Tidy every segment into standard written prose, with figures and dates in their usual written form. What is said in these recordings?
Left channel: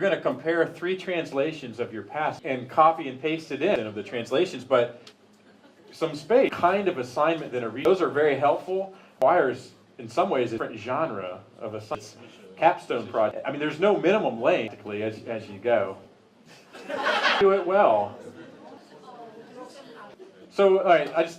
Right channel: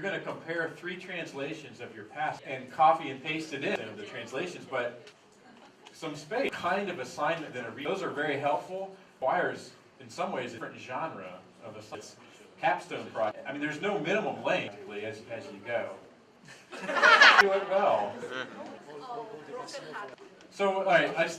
you're going to compare 3 translations of your passage and copy and paste it in of the translations, but some space, kind of assignment than a read. Those are very helpful. Requires, in some ways, a different genre of assignment. Capstone project. I mean, there's no minimum length as you go. Do it well. So, all right,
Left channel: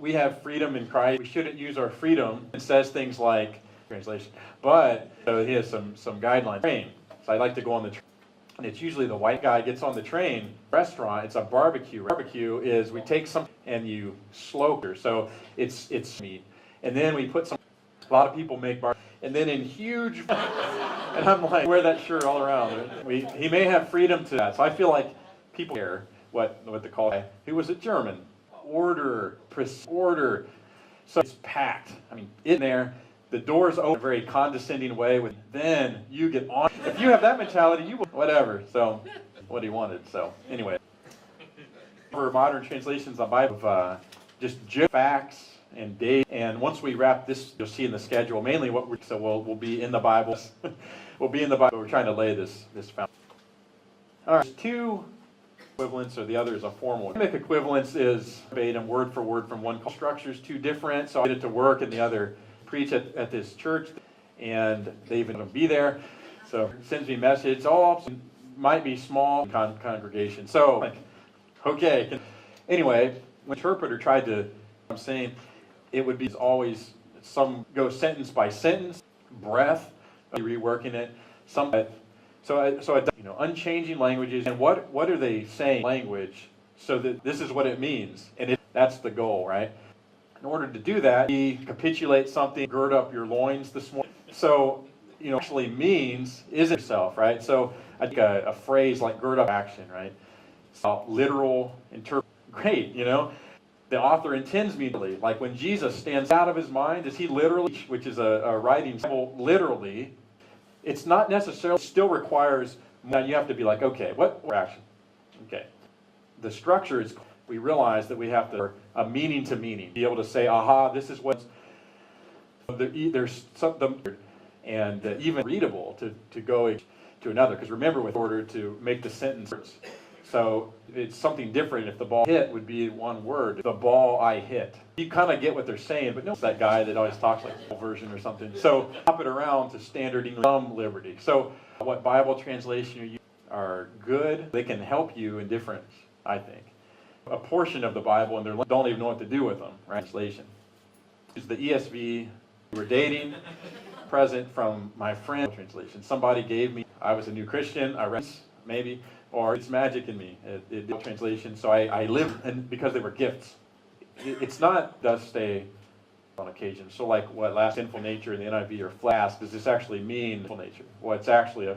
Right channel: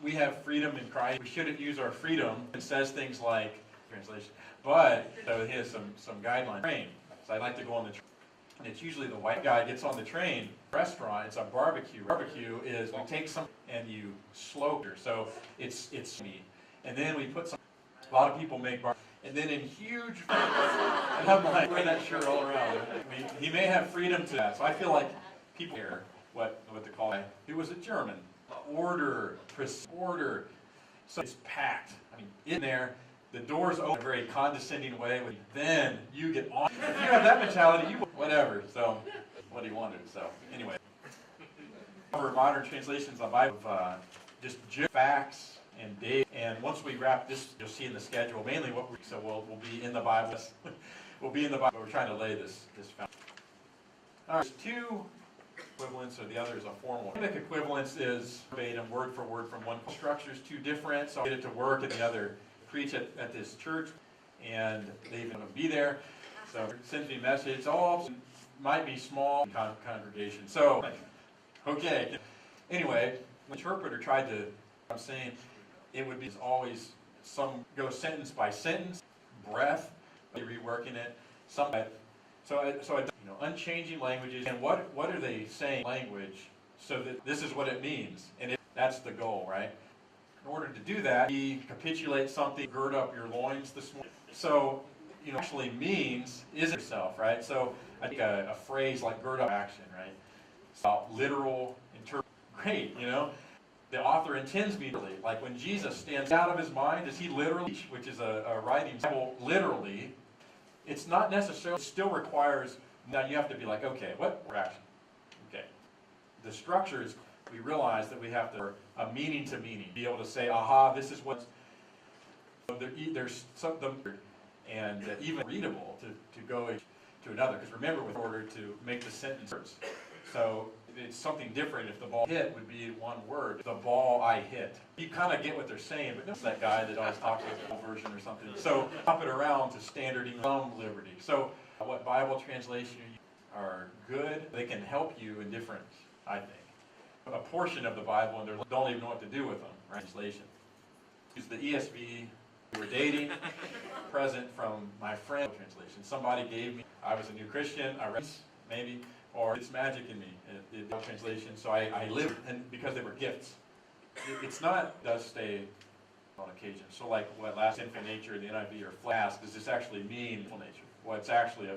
we have freedom in Christ. We shouldn't use our freedom. It says things like translation, but so he has some guidelines. Train. So I like to go on the train. And it's usually the white guy gets on the train. Restaurant. It's a barbecue. Barbecue is we take some and you slope it. So it's meat, and then we put some. A lot of people make barbecue. And then in huge, and I'm like, wear that shirt all around. He may have freedom to that. So I feel like people care what the call. Who was it? German. Order. So it's packed. I mean, in there, the doors open in a very condescending way. Then you get on. If you have that mentality, you whatever. So what he wanted. So anyway, for modern translations on Bible, just facts and date, and once we wrap this, you'll see in the schedule mainly what we'll be in the Bible. We'll be in the Bible. We're trying to lay this foundation. All right, there's 2 equivalents, or the other is a formal. Academic equivalence is verbatim, word for word from one structure is 2 different. So I did it to work, and the other preach at this church, and they even be there. So it sends me a message. Might be small congregation. So okay. Anyway, when interpreter tried to, I'm saying. It would be always some go sentence by sentence, breath, reworking it. Unchanging languages, and what are they saying? Language, so that this is what it means, and that's the goal, right? In order to do that, we capitulate something, gird up your loins this morning. So actually means is yourself, right? So I think a phrase like gird up action, right? So literal interpret, great, The author intends me to, like when Jesus stands out of his mind, does he literally, which is a writing literally, it's not necessarily, still requires, now you have to be like, okay, what action? Okay. The structure is, we realize that we have to, a meaning to meaning, be able to say, aha, this is what, there's something, and even readable to go to another, because remember, with order to make the sentence, so it's something different if the ball hit would be one word. The ball I hit. You kind of get what they're saying, but no, it's that guy that always talks like a version or something. So hop it around to standard English, some liberty. So what Bible translation you use are good. They can help you in different, I think. A portion of the Bible, and they don't even know what to do with them, right? Translation. Use the ESV. We were dating. Present from my friend. Translation. Somebody gave me. I was a new Christian. I read maybe. Or it's magic in me, translation. So I live, and because they were gifts. It's not, does stay on occasion. So like what last sinful nature in the NIV or flask, does this actually mean sinful nature? Well, it's actually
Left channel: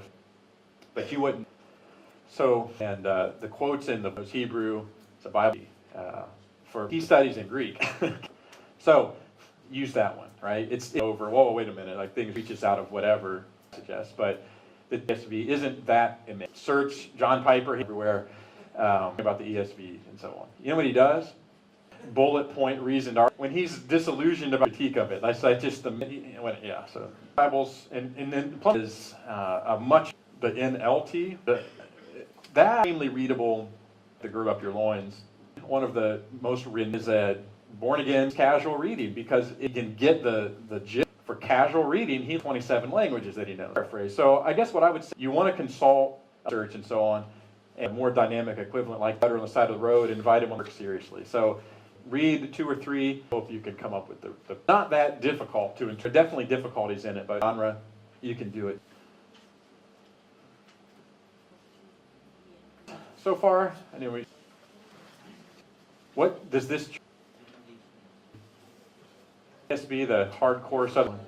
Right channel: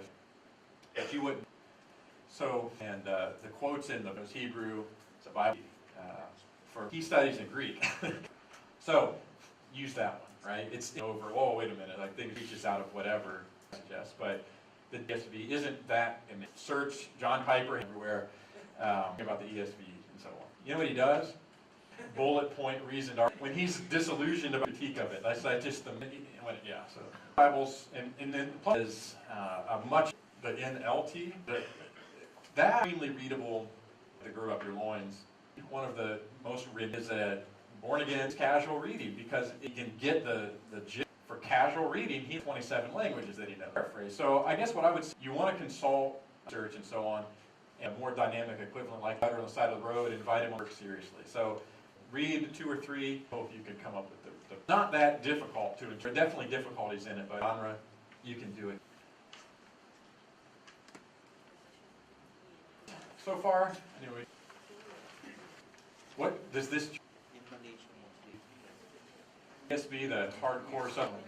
but you wouldn't. So, and the quotes in the Hebrew, it's a Bible, he studies in Greek. So use that one, right? It's over, whoa, wait a minute, like things reaches out of whatever suggests, but the ESV isn't that immense. Search John Piper everywhere about the ESV and so on. You know what he does? Bullet point reason. When he's disillusioned about the critique of it, that's just the yeah. So Bibles and then is a much the NLT that extremely readable. To gird up your loins. One of the most written is a born again casual reading because it can get the gist. For casual reading, he has 27 languages that he knows. Paraphrase. So I guess what I would say, you want to consult a church and so on, and a more dynamic equivalent like better on the side of the road, invite him to work seriously. So read 2 or 3, hope you can come up with the not that difficult to interpret. Definitely difficulties in it, but genre, you can do it. So far, anyway, what does this be the hardcore Southern?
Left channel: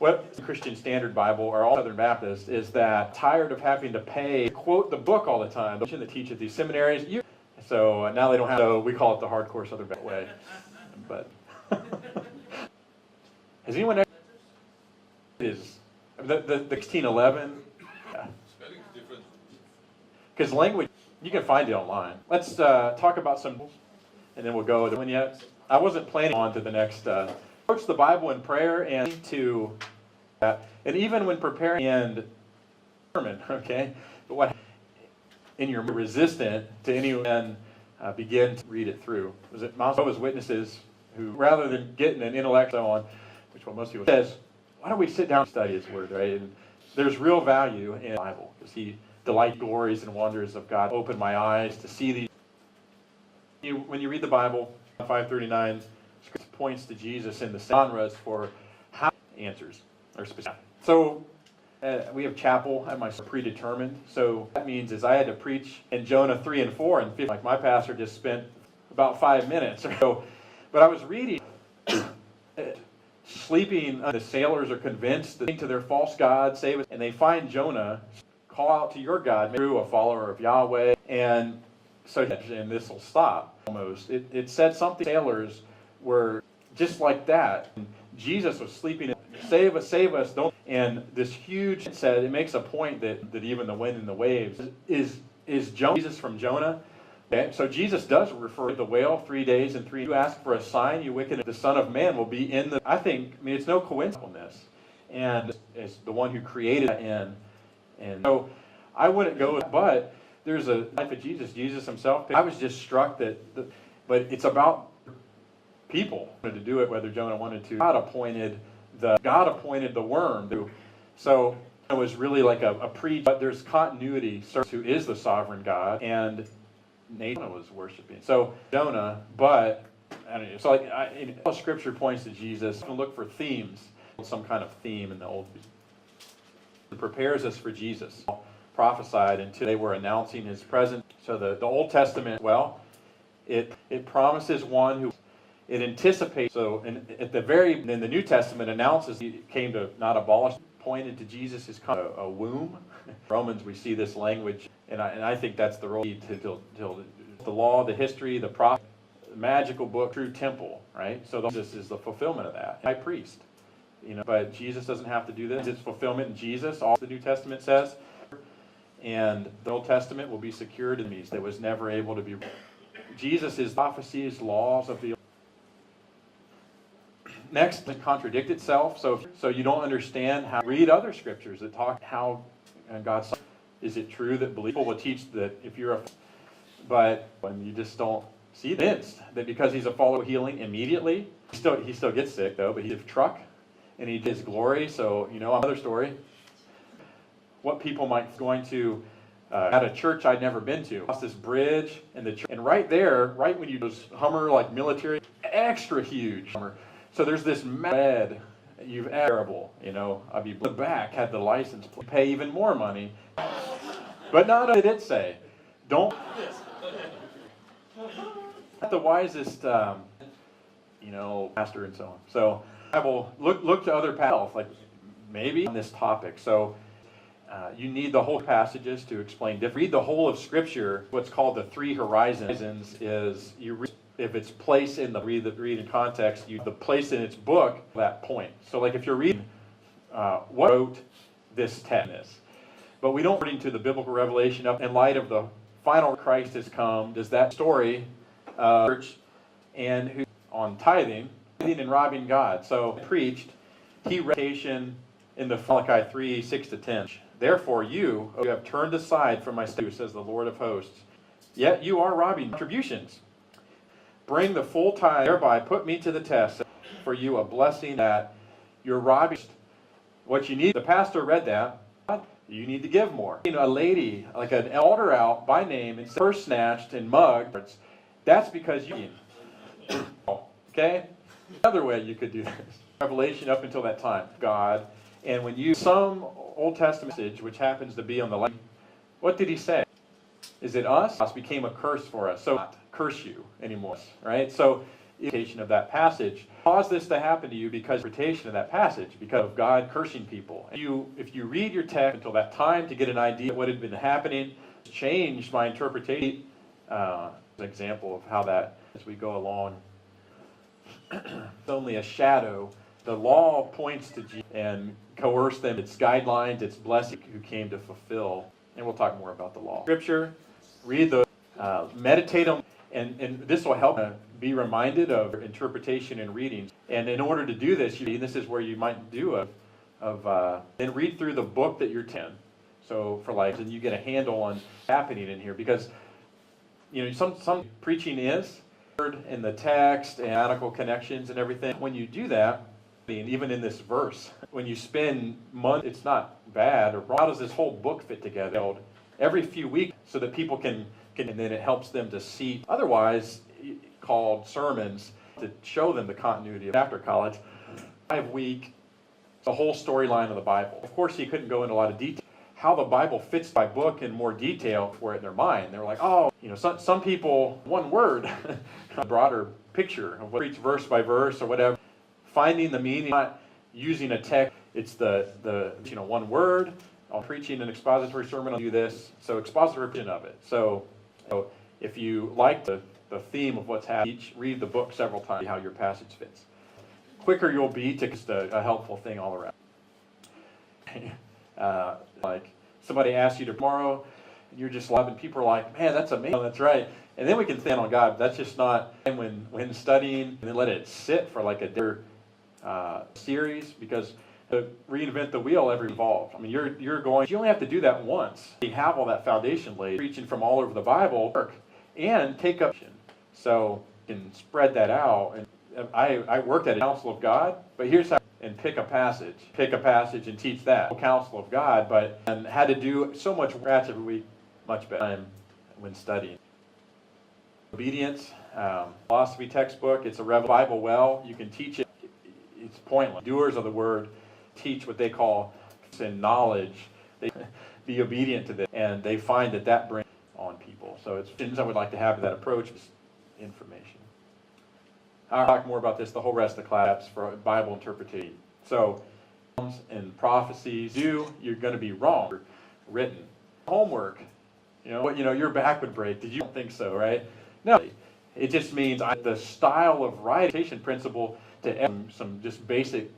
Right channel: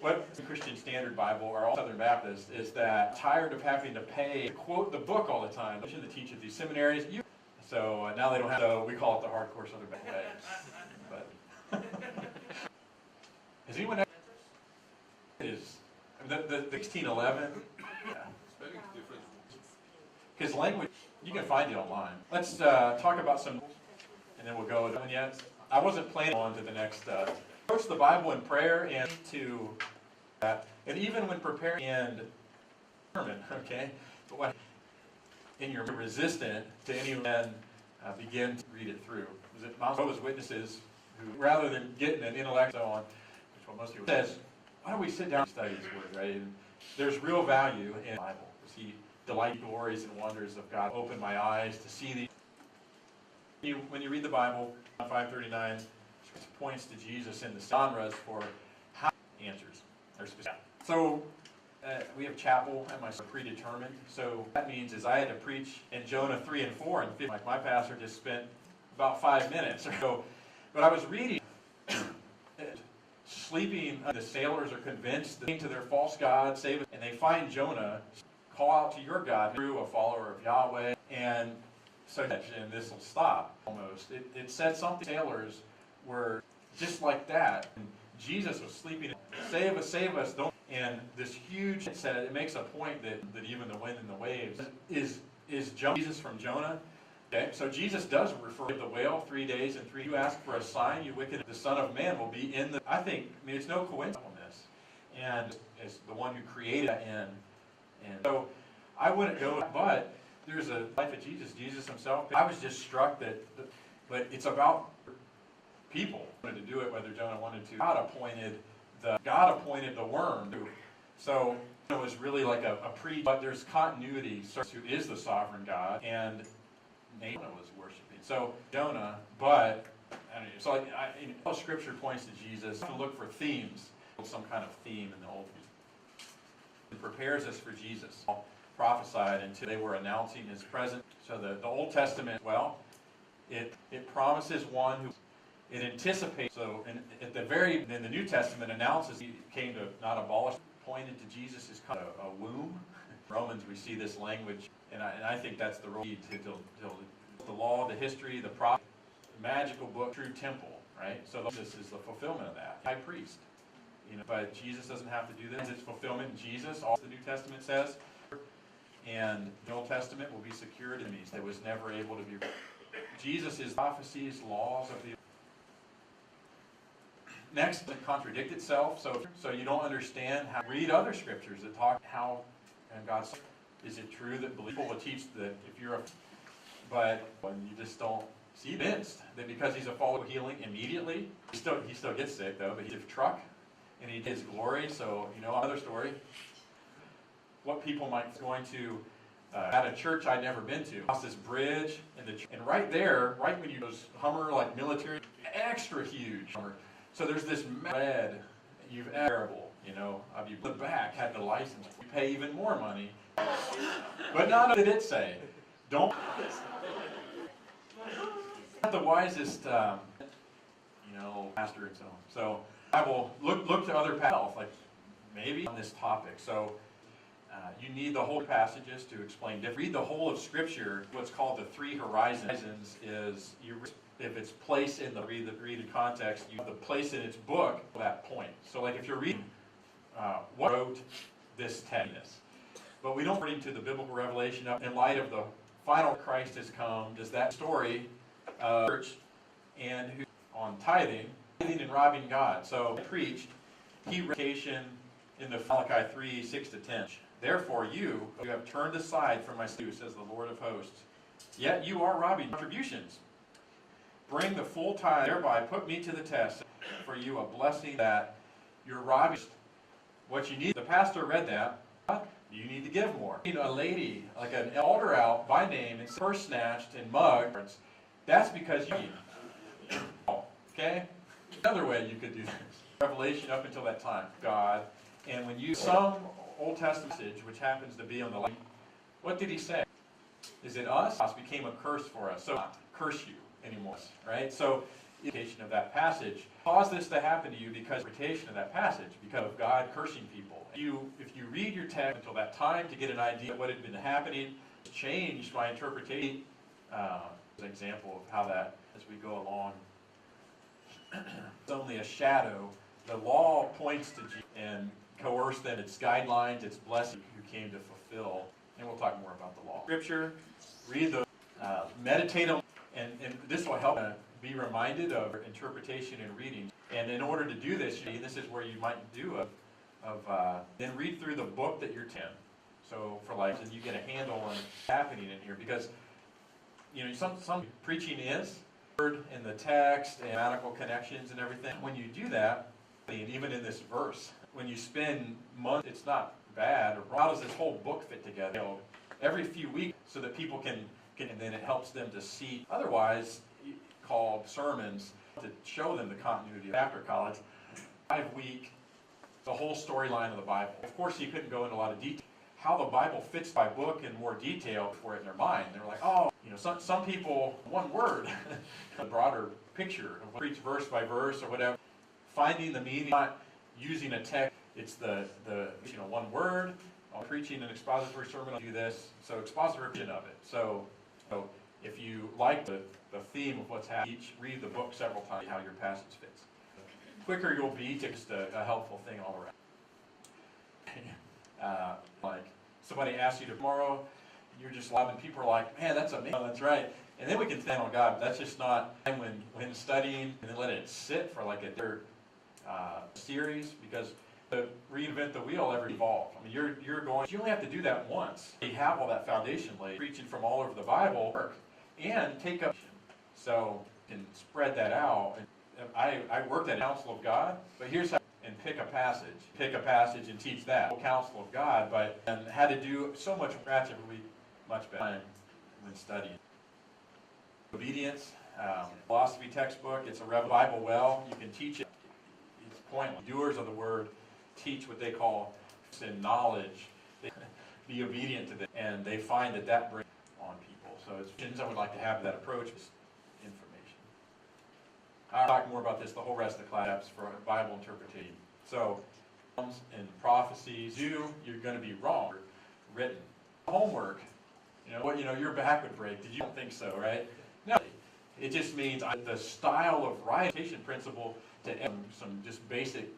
What Christian Standard Bible or all Southern Baptists is that tired of having to pay quote the book all the time. The that teach at these seminaries, so now they don't have. So we call it the hardcore Southern Baptist way. But has anyone ever is the 1611? Yeah. Because language, you can find it online. Let's talk about some, and then we'll go to one yet. I wasn't planning on to the next. Approach the Bible in prayer and to that, and even when preparing, and sermon, okay? But what in your resistant to anyone begin to read it through? Was it Jehovah's Witnesses who, rather than getting an intellect on, which what most people says, why don't we sit down and study His Word, right? And there's real value in the Bible. Because He delights glories and wonders of God. Open my eyes to see these. When you read the Bible, 539 points to Jesus in the genres for how answers are specific. So we have chapel at my predetermined. So that means is I had to preach in Jonah 3 and 4 and 50. Like my pastor just spent about 5 minutes. So, but I was reading, sleeping. The sailors are convinced that to their false god, save us, and they find Jonah. Call out to your God, through a follower of Yahweh, and so and this will stop. Almost, it said something. Sailors were just like that. And Jesus was sleeping. Save us! Don't. And this huge said it makes a point that even the wind and the waves is Jesus from Jonah. Okay, so Jesus does refer to the whale 3 days and 3. You ask for a sign, you wicked. The Son of Man will be in the. I mean, it's no coincidence, and it's the one who created that in. And so I wouldn't go with, but there's a life of Jesus Himself. I was just struck but it's about people wanted to do it, whether Jonah wanted to. God appointed the worm. So it was really like a but there's continuity. Who is the sovereign God, and Nathan was worshiping. So Jonah, but I don't know. So all Scripture points to Jesus. Look for themes, some kind of theme in the Old. It prepares us for Jesus. Prophesied until they were announcing His presence. So the Old Testament, well, it promises one who it anticipates. So in the New Testament announces He came to not abolish, pointed to Jesus as kind of a womb. Romans, we see this language, and I think that's the role till the law, the history, the prophet, the magical book, true temple, right? So this is the fulfillment of that. High priest. But Jesus doesn't have to do this. It's fulfillment in Jesus, all the New Testament says. And the Old Testament will be secured in these. That was never able to be. Jesus is prophecies, laws of the. Next, it contradict itself. So you don't understand how. Read other scriptures that talk how God. Is it true that people will teach that if you're but when you just don't see convinced that because he's a follower of healing immediately, he still gets sick though, but he's a truck. And he did His glory, so another story. What people might going to at a church I'd never been to. Across this bridge and right there, right when you those Hummer like military, extra huge Hummer. So there's this red, you've terrible, I'd be the back had the license plate, pay even more money. But not only did it say, don't. Not the wisest, pastor and so on. So. I will look to other passages, like maybe on this topic. So you need the whole passages to explain. Read the whole of Scripture. What's called the 3 horizons is you read, if it's placed in the read in context, the place in its book that point. So like if you're reading what wrote this text, but we don't read into the biblical revelation in light of the final Christ has come. Does that story church and who on tithing? And robbing God. So preached, he reputation in the Malachi 3, 6-10. Therefore you have turned aside from my statutes, says the Lord of hosts. Yet you are robbing contributions. Bring the full tithe, thereby put me to the test. For you a blessing that you're robbing. What you need, the pastor read that, you need to give more. A lady, like an elder out by name, and first snatched and mugged, that's because you okay? Another way you could do this. Revelation up until that time, God. And when you some Old Testament message, which happens to be on the left, what did He say? Is it us? Us became a curse for us. So not curse you anymore, right? So interpretation of that passage caused this to happen to you because interpretation of that passage, because of God cursing people. If you read your text until that time to get an idea of what had been happening, changed my interpretation. An example of how that as we go along. It's only a shadow. The law points to Jesus and coerce them. It's guidelines, it's blessing who came to fulfill. And we'll talk more about the law. Scripture, read the, meditate on, and this will help be reminded of interpretation and reading. And in order to do this, this is where you might do then read through the book that you're 10. So for like, and you get a handle on what's happening in here, because some preaching is in the text and grammatical connections and everything. When you do that, and even in this verse, when you spend months, it's not bad or wrong. How does this whole book fit together? Every few weeks, so that people can, and then it helps them to see. Otherwise, called sermons, to show them the continuity of after college. 5-week, the whole storyline of the Bible. Of course, he couldn't go into a lot of detail. How the Bible fits by book in more detail for it in their mind. They're like, oh, some people, one word, a broader picture of what preach verse by verse or whatever. Finding the meaning, not using a text. It's the one word. I'm preaching an expository sermon, I'll do this. So expository version of it. So if you like the theme of what's happening, read the book several times, see how your passage fits. Quicker you'll be to just a helpful thing all around. Like somebody asks you tomorrow, and you're just loving. People are like, man, that's amazing. Oh, that's right. And then we can stand on God. That's just not when studying, and then let it sit for like a different series, because to reinvent the wheel every evolved. I mean, you only have to do that once. You have all that foundation laid, preaching from all over the Bible, and take up. So you can spread that out. And I worked at a Council of God, but here's how. And pick a passage and teach that. Counsel of God, and had to do so much scratch every week, much better time when studying. Obedience, philosophy textbook, it's a Bible well, you can teach it, it's pointless. Doers of the word teach what they call sin knowledge. They be obedient to this, and they find that brings on people. So it's things I would like to have that approach is information. I'll talk more about this the whole rest of the class for Bible interpretation. So, and prophecies, you're going to be wrong. Written. Homework. Your back would break. Did you don't think so, right? No. It just means the style of writing principle to some just basic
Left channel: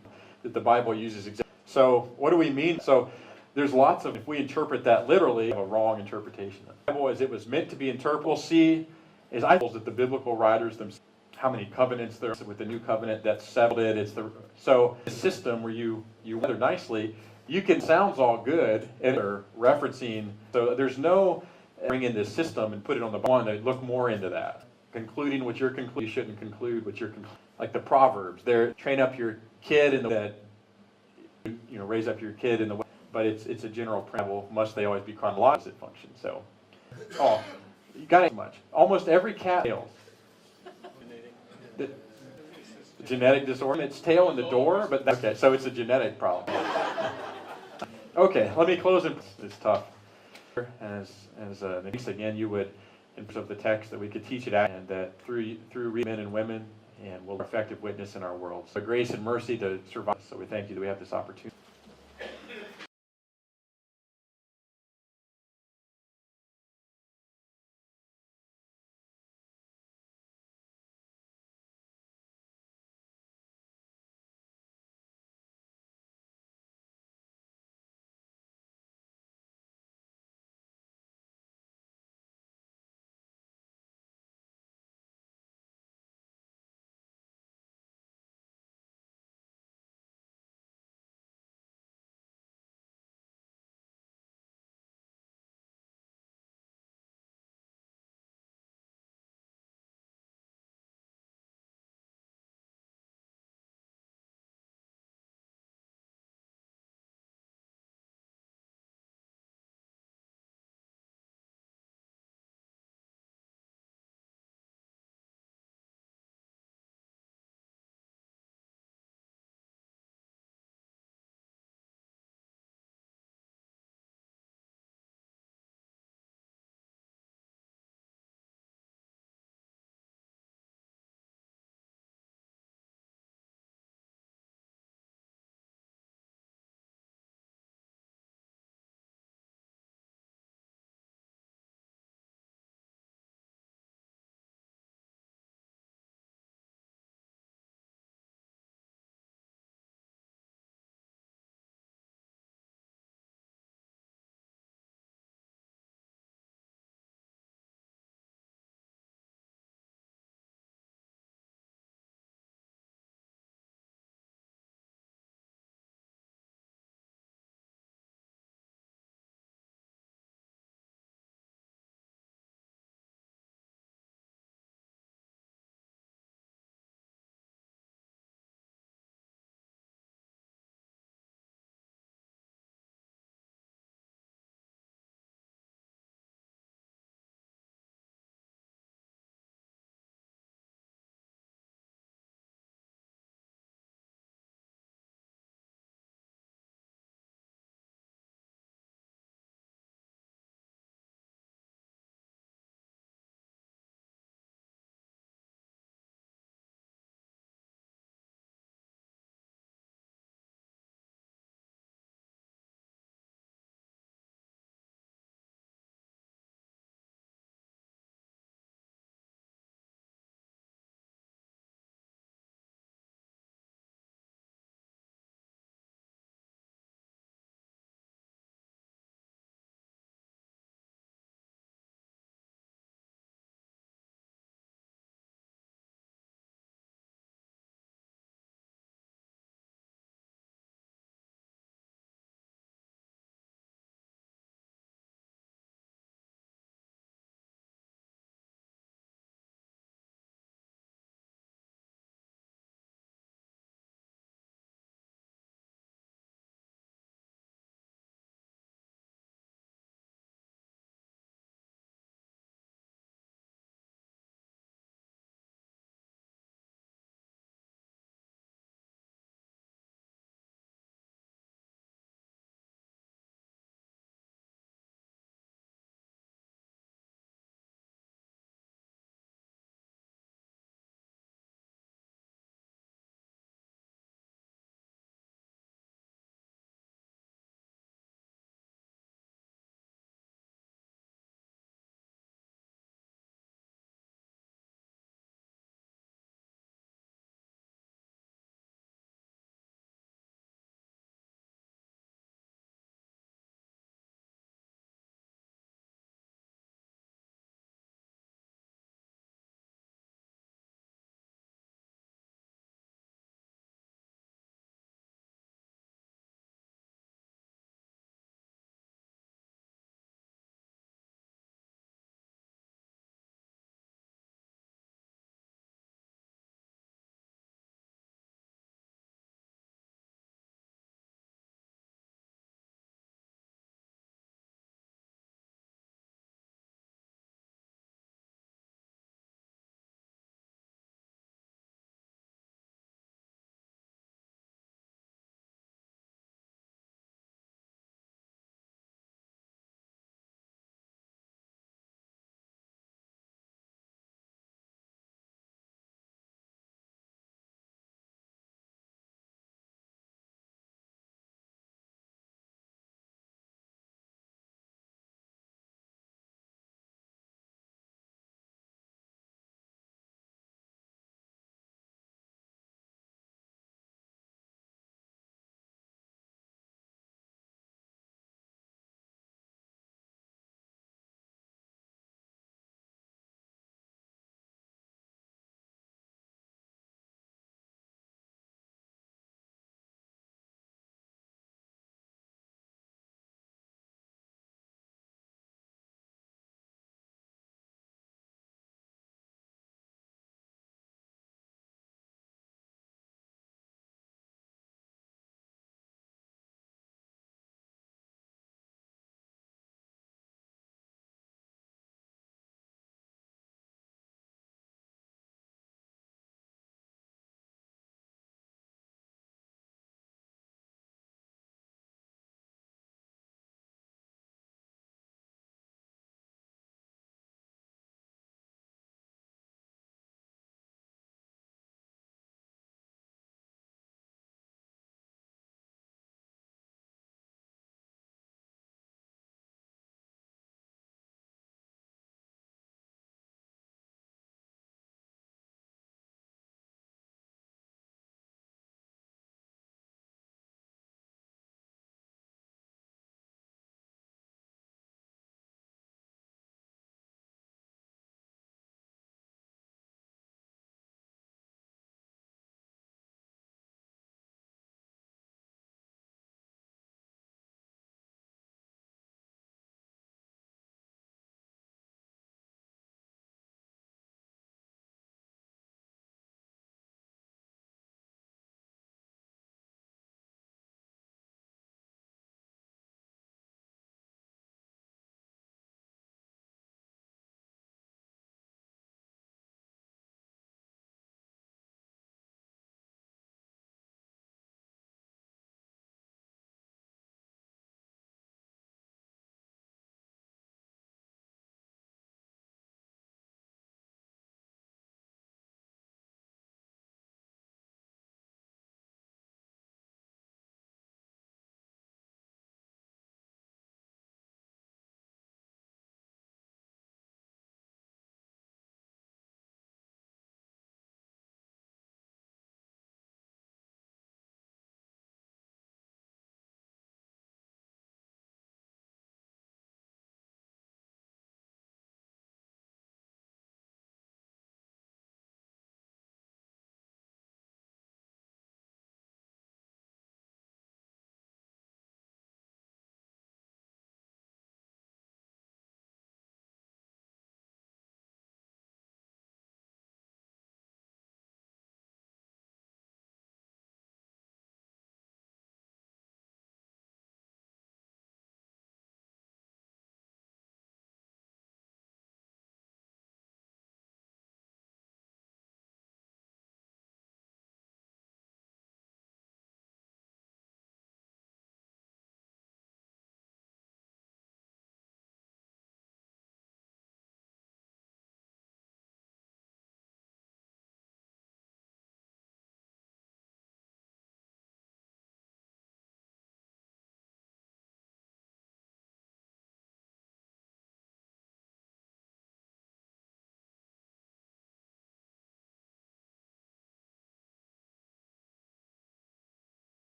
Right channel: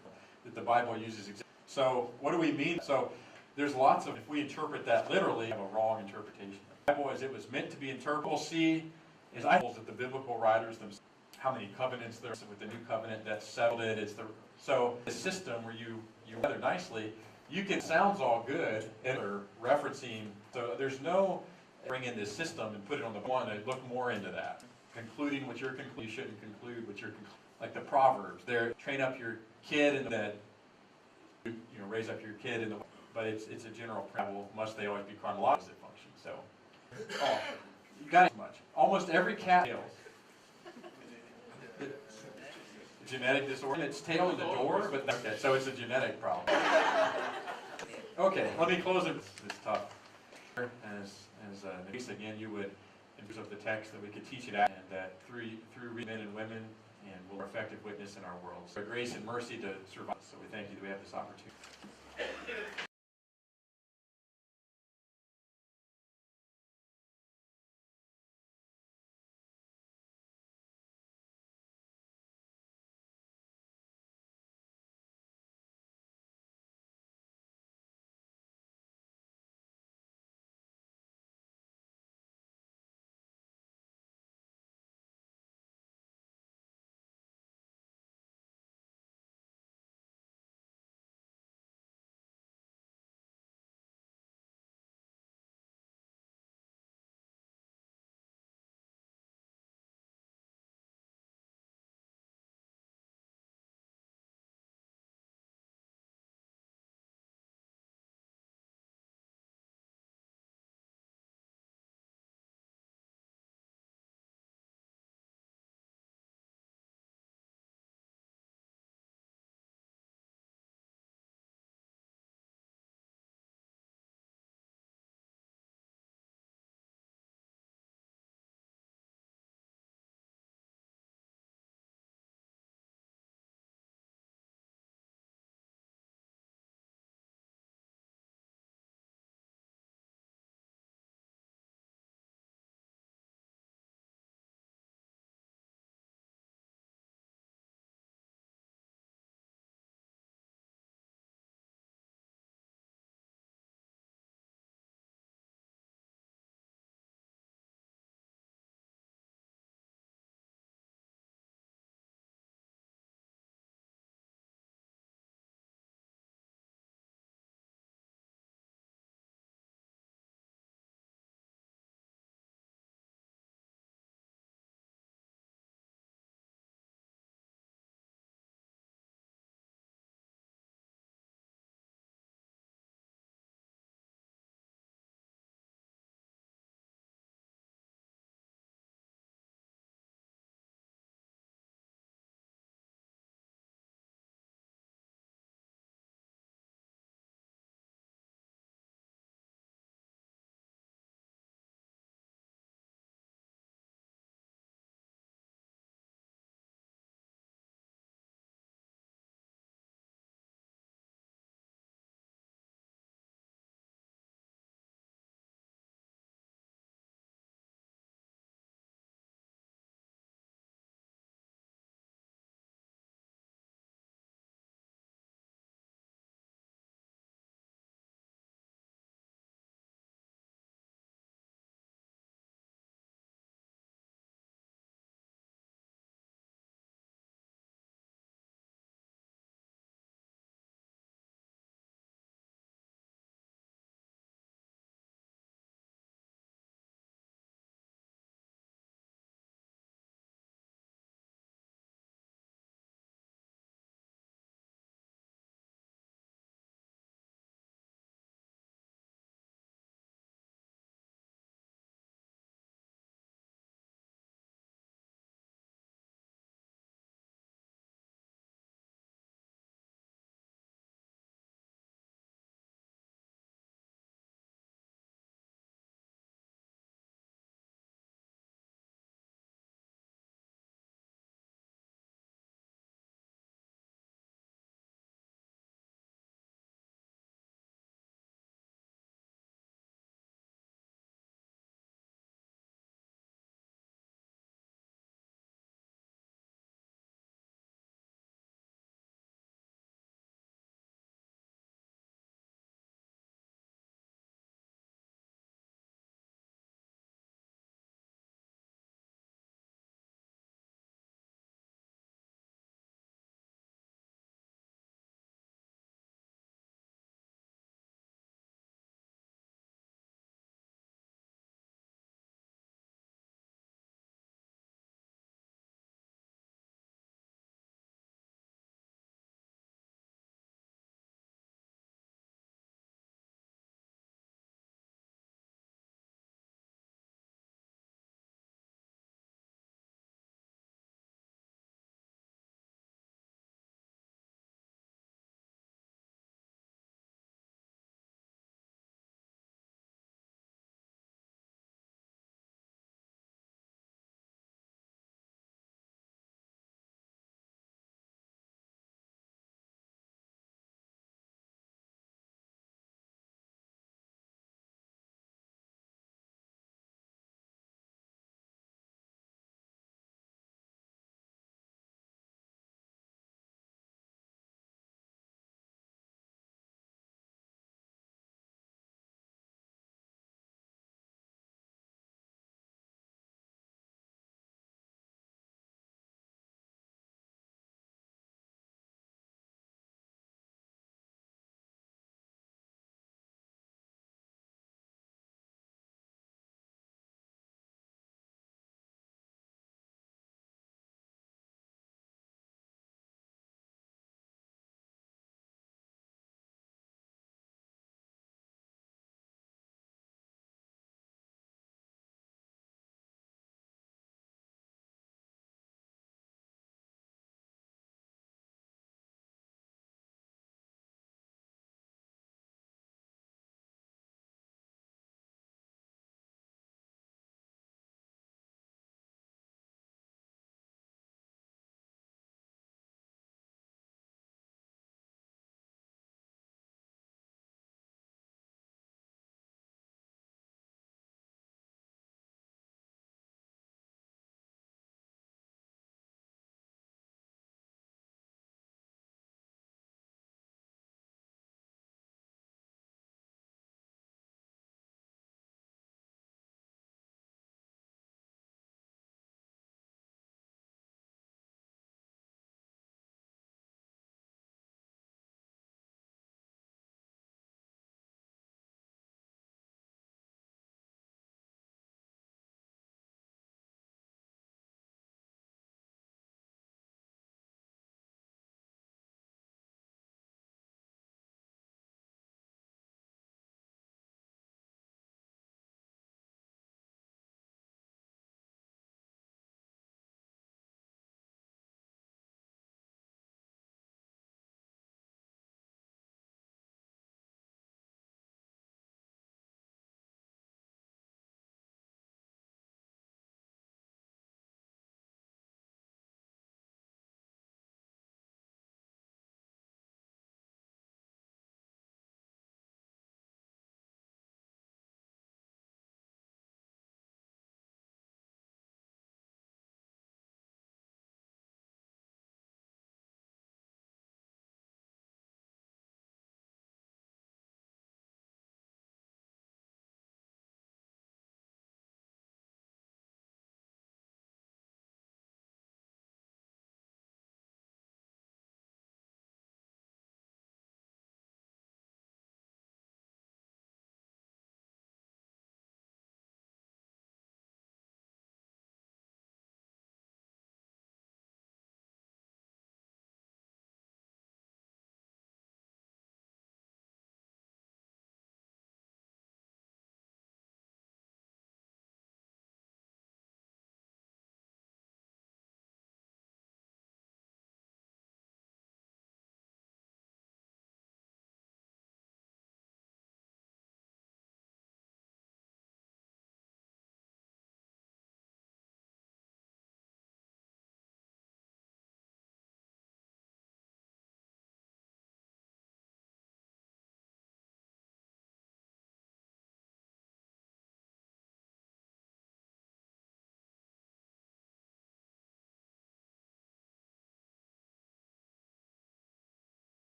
that the Bible uses. So, what do we mean? So, there's lots of, if we interpret that literally, a wrong interpretation. The Bible as it was meant to be interpreted, we'll see is that the biblical writers themselves, how many covenants there are with the new covenant that settled it. So the system where you rather nicely, sounds all good and are referencing. So there's no bring in this system and put it on the one to look more into that. Concluding what you're concluding, you shouldn't conclude what you're concluding. Like the Proverbs, train up your kid in the way that raise up your kid in the way. But it's a general principle. Must they always be chronological function? So, you got it much. Almost every cat fails. The genetic disorder, its tail in the door, but okay, so it's a genetic problem. Okay, let me close it. It's tough. As again, you would, in terms of the text, that we could teach it out, and that through men and women, and will be effective witness in our world. So grace and mercy to survive. So we thank you that we have this opportunity.